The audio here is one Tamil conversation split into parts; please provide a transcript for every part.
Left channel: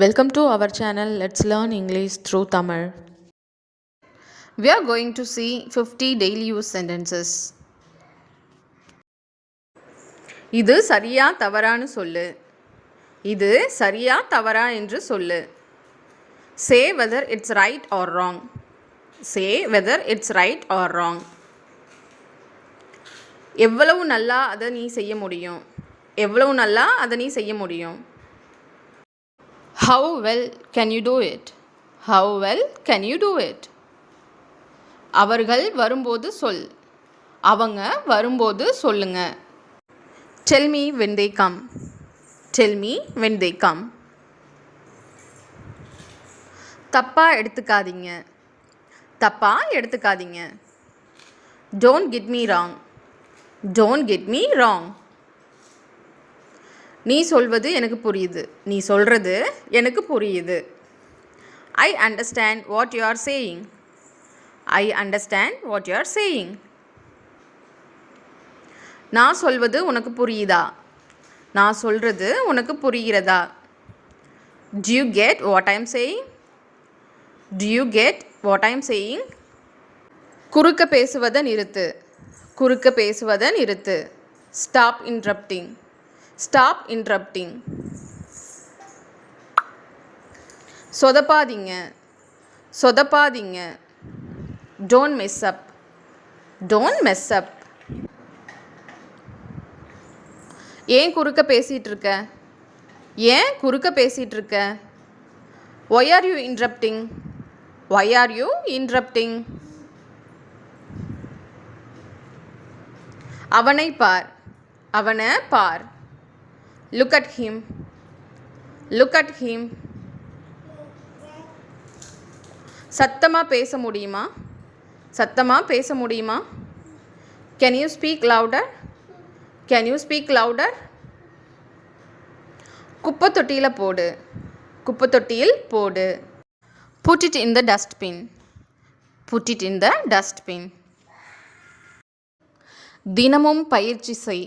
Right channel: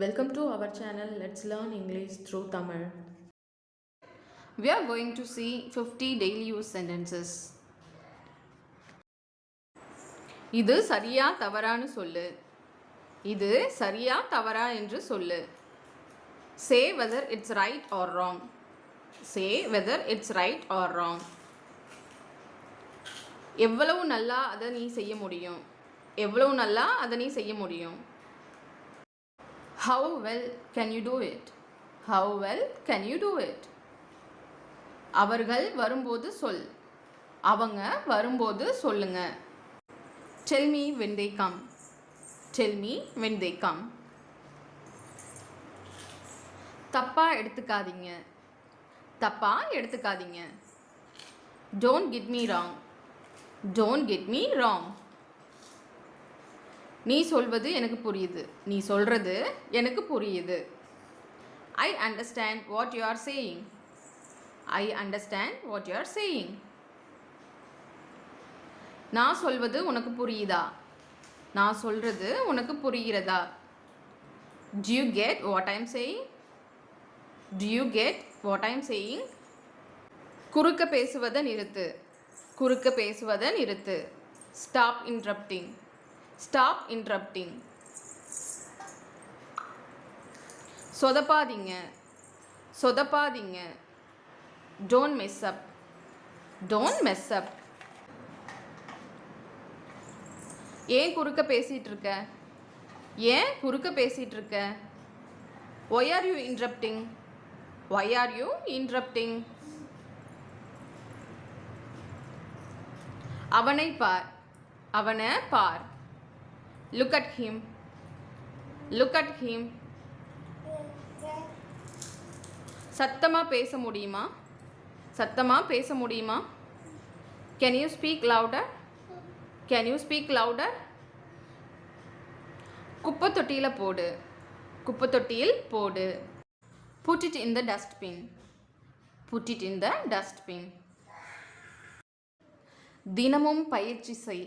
Welcome to our channel. Let's learn English through Tamil. We are going to see 50 daily use sentences. இது சரியா தவறான்னு சொல்லு. இது சரியா தவறா என்று சொல்லு. Say whether it's right or wrong. Say whether it's right or wrong. எவ்வளவு நல்லா அதை நீ செய்ய முடியும். எவ்வளவு நல்லா அதை நீ செய்ய முடியும். How well can you do it? How well can you do it? அவர்கள் வரும்போது சொல். அவங்க வரும்போது சொல்லுங்க. Tell me when they come. Tell me when they come. தப்பா எடுத்துக்காதீங்க. தப்பா எடுத்துக்காதீங்க. Don't get me wrong. Don't get me wrong. நீ சொல்வது எனக்கு புரியுது. நீ சொல்றது எனக்கு புரியுது. I understand what you are saying. I understand what you are saying. நான் சொல்வது உனக்கு புரியுதா? நான் சொல்றது உனக்கு புரிகிறதா? Do you get what I am saying? Do you get what I am saying? குறுக்க பேசுவதை நிறுத்து. குறுக்க பேசுவதை நிறுத்து. Stop interrupting. Stop interrupting. சொதப்பாதீங்க. சொதப்பாதீங்க. Don't mess up. Don't mess up. ஏன் குறுக்க பேசிகிட்டு இருக்க? ஏன் குறுக்க பேசிகிட்டு இருக்க? Why are you interrupting? Why are you interrupting? அவனை பார். அவனை பார். Look at him. Look at him. சத்தமா பேச முடியுமா? சத்தமா பேச முடியுமா? Can you speak louder? Can you speak louder? குப்பை தொட்டியில் போடு. குப்பை தொட்டியில் போடு. Put it in the dustbin. Put it in the dustbin. தினமும் பயிற்சி செய்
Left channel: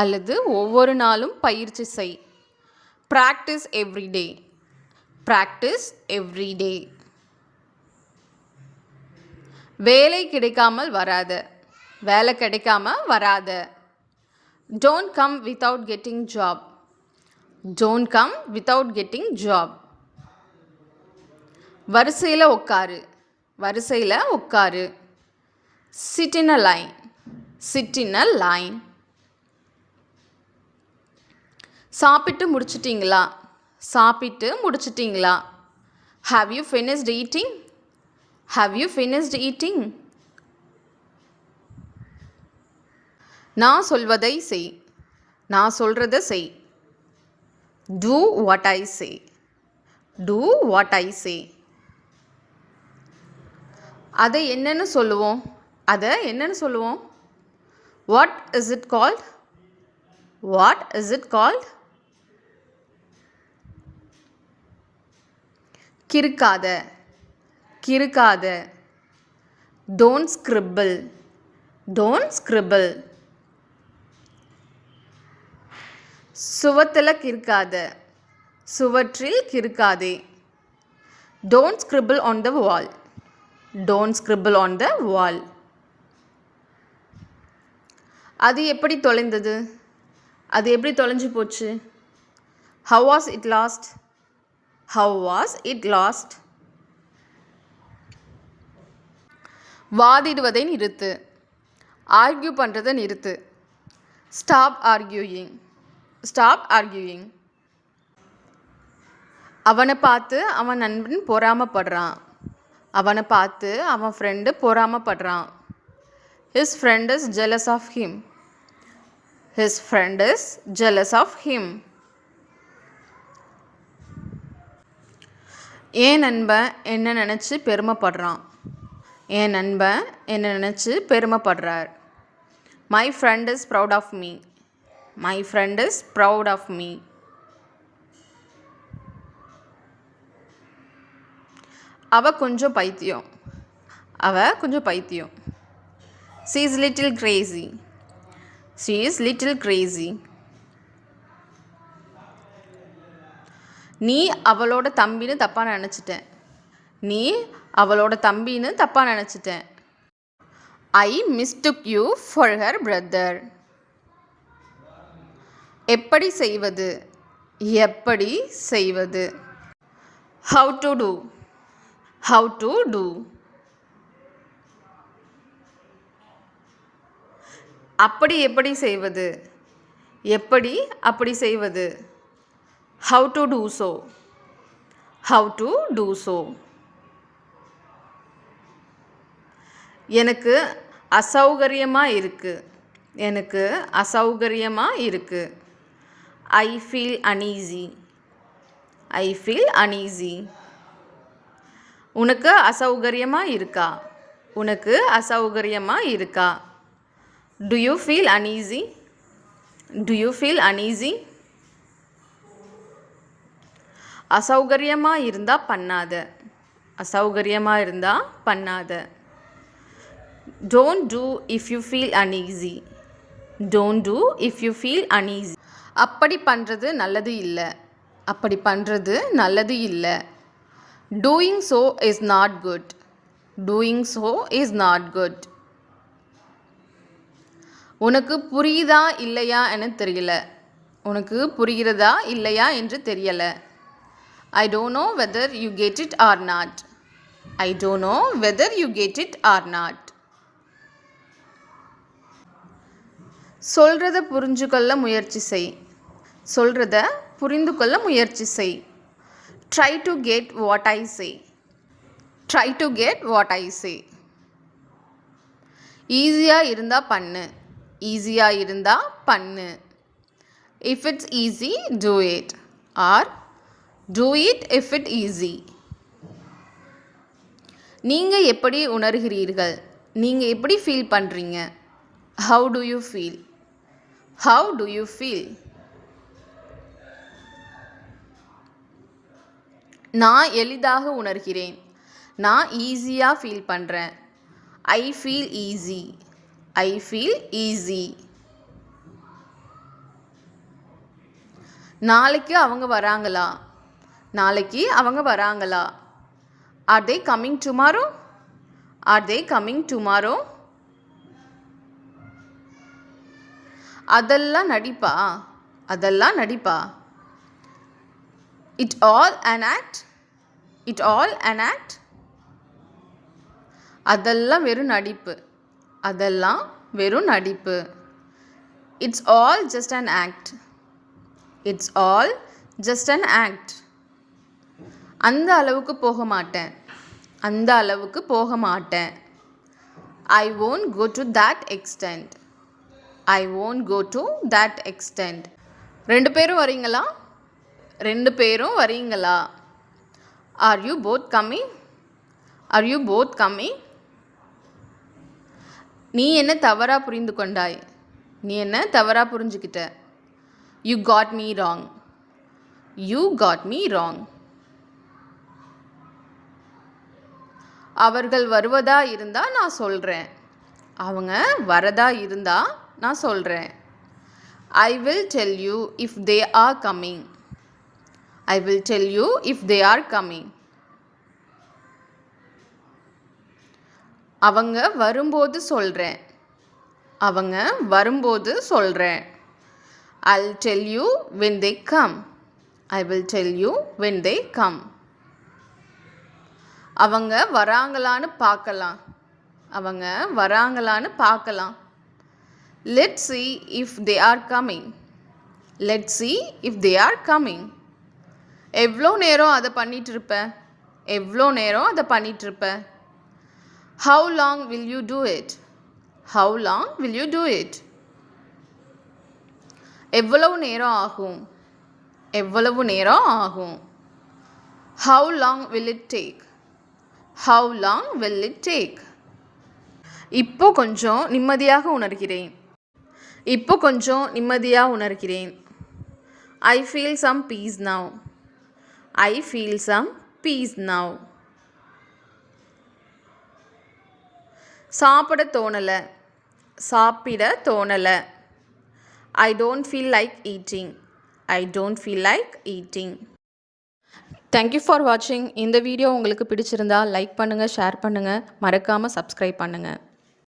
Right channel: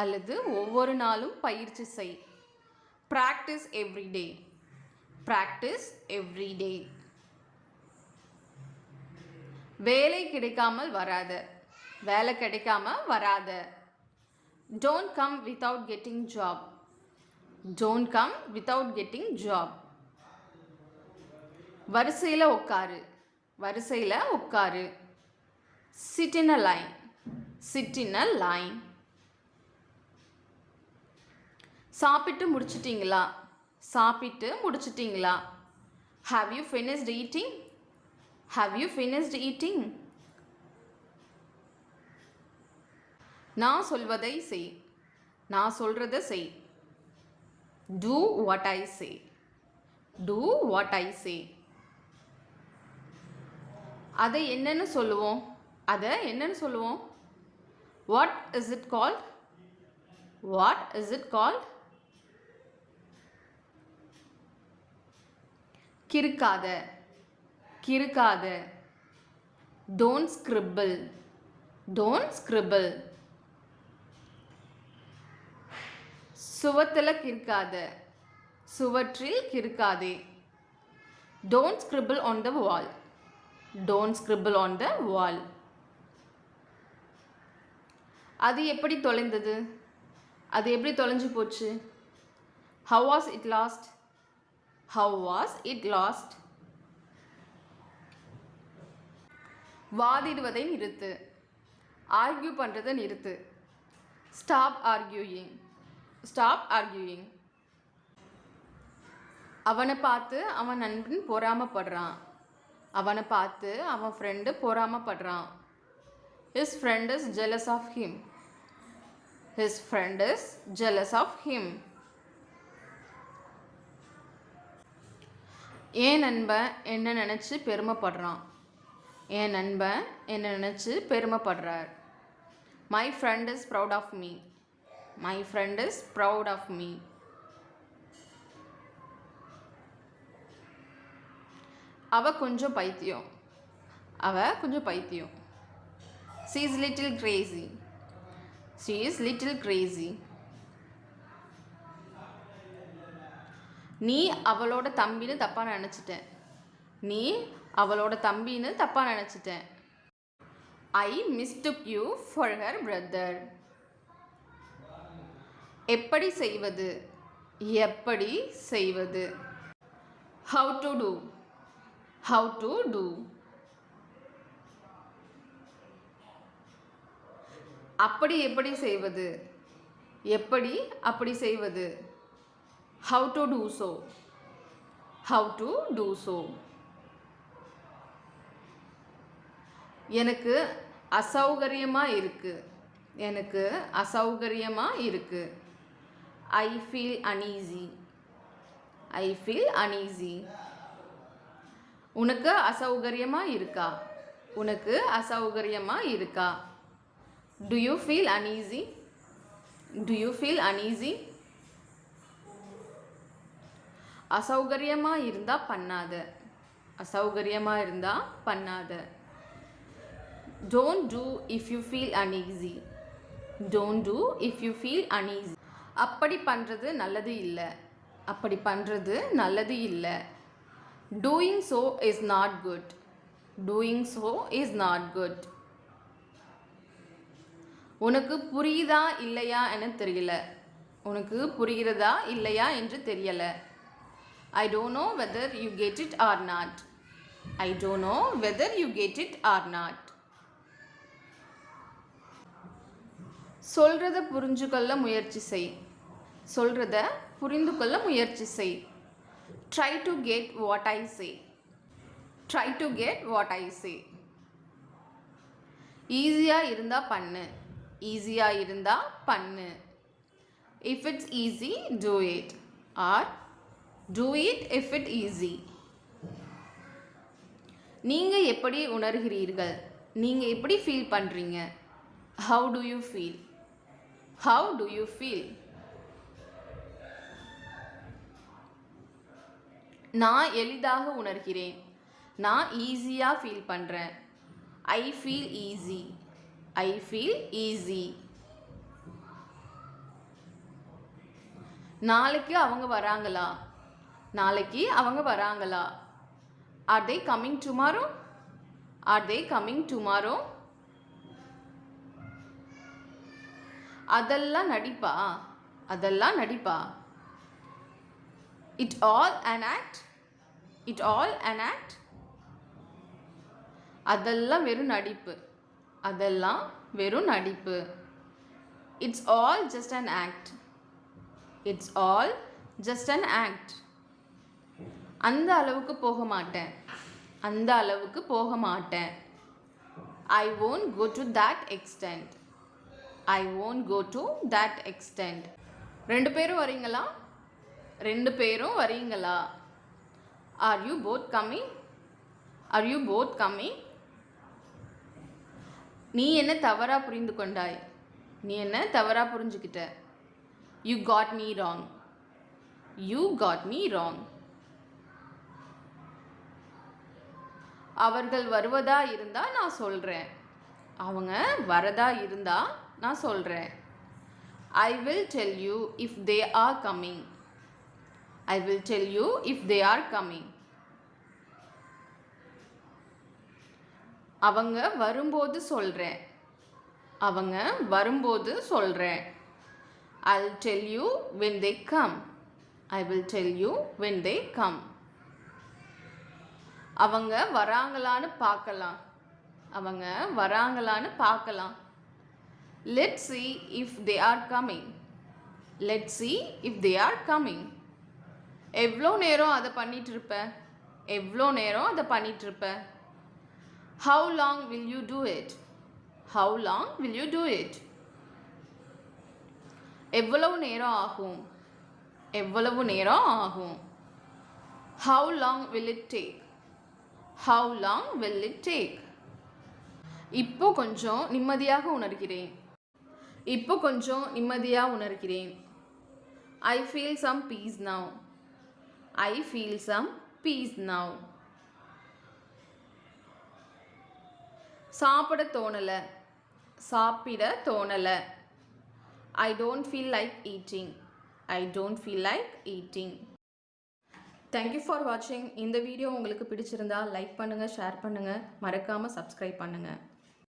அல்லது ஒவ்வொரு நாளும் பயிற்சி செய். Practice every day. Practice every day. வேலை கிடைக்காமல் வராத. வேலை கிடைக்காம வராத. Don't come without getting job. Don't come without getting job. வரிசையில் உட்காரு. வரிசையில் உட்காரு. Sit in a line. Sit in a line. சாப்பிட்டு முடிச்சிட்டிங்களா? சாப்பிட்டு முடிச்சிட்டிங்களா? Have you finished eating? Have you finished eating? நான் சொல்வதை செய். நான் சொல்றதை செய். Do what I say. Do what I say. அதை என்னன்னு சொல்லுவோம்? அதை என்னன்னு சொல்லுவோம்? What is it called? What is it called? கிறுக்காத. கிறுக்காத. Don't scribble. Don't scribble. சுவத்தில் கிறுக்காத. சுவற்றில் கிறுக்காதே. Don't scribble on the wall. Don't scribble on the wall. அது எப்படி தொலைந்தது? அது எப்படி தொலைஞ்சு போச்சு? How was it lost? How was it lost? வாதிடுவதை நிறுத்து. ஆர்கியூ பண்ணுறதை நிறுத்து. Stop arguing. Stop arguing. அவனை பார்த்து அவன் நண்பன் பொறாமப்படுறான். அவனை பார்த்து அவன் friend பொறாமப்படுறான். His friend is jealous of him. His friend is jealous of him. என் நண்பன் என்ன நினச்சி பெருமைப்படுறான். என் நண்பன் என்ன நினச்சி பெருமைப்படுறார். My friend is proud of me. My friend is proud of me. அவ கொஞ்சம் பைத்தியம். அவ கொஞ்சம் பைத்தியம். She is little crazy. She is little crazy. நீ அவளோட தம்பின்னு தப்பாக நினச்சிட்டேன். நீ அவளோட தம்பின்னு தப்பாக நினச்சிட்டேன். I mistook you for her brother. எப்படி செய்வது, எப்படி செய்வது. How to do, how to do. அப்படி எப்படி செய்வது, எப்படி அப்படி செய்வது. How to do so, how to do so. எனக்கு அசௌகரியமாக இருக்குது, எனக்கு அசௌகரியமாக இருக்குது. I feel uneasy, I feel uneasy. உனக்கு அசௌகரியமாக இருக்கா, உனக்கு அசௌகரியமாக இருக்கா. Do you feel uneasy, do you feel uneasy. அசௌகரியமாக இருந்தால் பண்ணாத, அசௌகரியமாக இருந்தால் பண்ணாத. Don't do if you feel uneasy, don't do if you feel uneasy. அப்படி பண்ணுறது நல்லது இல்லை, அப்படி பண்ணுறது நல்லது இல்லை. Doing so is not good, doing so is not good. உனக்கு புரியுதா இல்லையா என்று தெரியல, உனக்கு புரிகிறதா இல்லையா என்று தெரியலை. I don't know whether you get it or not, I don't know whether you get it or not. சொல்கிறத புரிஞ்சுக்கொள்ள முயற்சி செய், சொல்கிறத புரிந்து கொள்ள முயற்சி செய். Try to get what I say, try to get what I say. ஈஸியாக இருந்தால் பண்ணு, ஈஸியாக இருந்தால் பண்ணு. If it's easy do it, or do it if it easy. நீங்கள் எப்படி உணர்கிறீர்கள், நீங்கள் எப்படி ஃபீல் பண்ணுறீங்க. How do you feel, how do you feel. நான் எளிதாக உணர்கிறேன், நான் ஈஸியாக ஃபீல் பண்ணுறேன். I feel easy, I feel easy. நாளைக்கு அவங்க வராங்களா, நாளைக்கு அவங்க வராங்களா. Are they coming tomorrow, are they coming tomorrow. அதெல்லாம் நடிப்பா, அதெல்லாம் நடிப்பா. It all an act, it all an act. அதெல்லாம் வெறும் நடிப்பு, அதெல்லாம் வெறும் நடிப்பு. It's all just an act, it's all just an act. அந்த அளவுக்கு போக மாட்டேன், அந்த அளவுக்கு போக மாட்டேன். ஐ won't go to that extent, I won't go to that extent. ரெண்டு பேரும் வரீங்களா, ரெண்டு பேரும் வரீங்களா. Are you both coming, are you both coming. நீ என்ன தவறாக புரிந்து கொண்டாய், நீ என்ன தவறாக புரிஞ்சுக்கிட்ட. You got me wrong, you got me wrong. அவர்கள் வருவதா இருந்தால் நான் சொல்கிறேன், அவங்க வரதா இருந்தால் நான் சொல்கிறேன். I will tell you if they are coming, I will tell you if they are coming. அவங்க வரும்போது சொல்கிறேன், அவங்க வரும்போது சொல்கிறேன். I'll tell you when they come, I will tell you when they come. அவங்க வராங்களான்னு பார்க்கலாம், அவங்க வராங்களான்னு பார்க்கலாம். Let's see if they are coming, let's see if they are coming. எவ்வளோ நேரம் அதை பண்ணிட்டு இருப்ப, எவ்வளோ நேரம் அதை பண்ணிட்டு இருப்ப. How long will you do it, how long will you do it. எவ்வளவு நேரம் ஆகும், எவ்வளவு நேரம் ஆகும். How long will it take, how long will it take. இப்போ கொஞ்சம் நிம்மதியாக உணர்கிறேன், இப்போ கொஞ்சம் நிம்மதியாக உணர்கிறேன். I feel some peace now, I feel some peace now. சாப்பிட தோணலை, சாப்பிட தோணலை. I don't feel like eating, I don't feel like eating. Thank you for வாட்சிங். இந்த வீடியோ உங்களுக்கு பிடிச்சிருந்தா லைக் பண்ணுங்கள், ஷேர் பண்ணுங்கள், மறக்காமல் சப்ஸ்கிரைப் பண்ணுங்கள்.